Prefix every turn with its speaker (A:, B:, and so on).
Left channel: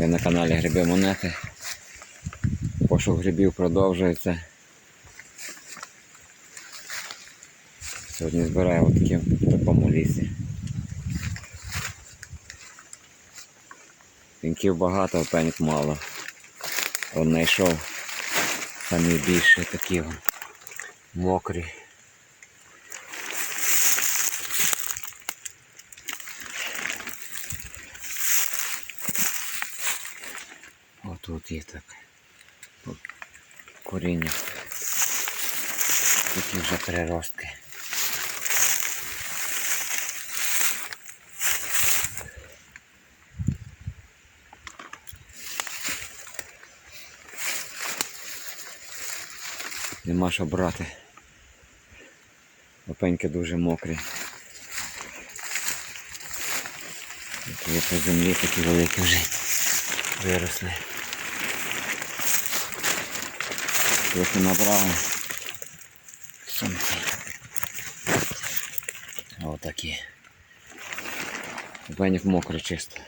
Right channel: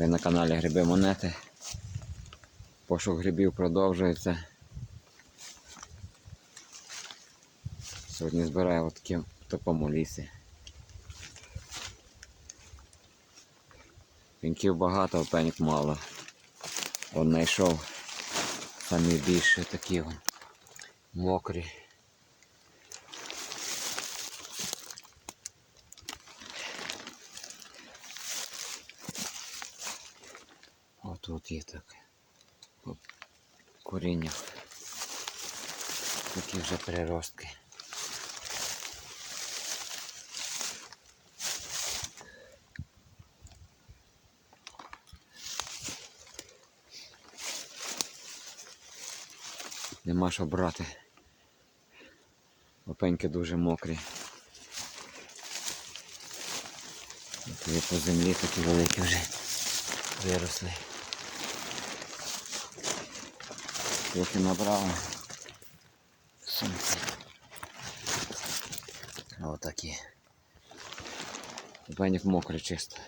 A: Ви на каналі Гриби Монети. Пошук грибів продовжується. Сьогодні збираю отакі в такому лісі. Пінків багато, а пеньок мало. От знайшов самі більше такі мокрі. Отут є так. Коріння. Такі вже переростки. Нема що брати. Опеньки дуже мокрі. Є по землі такі великі вже виросли. Трохи набрали. Сумки. Отакі. Пеньок мокрий чисто.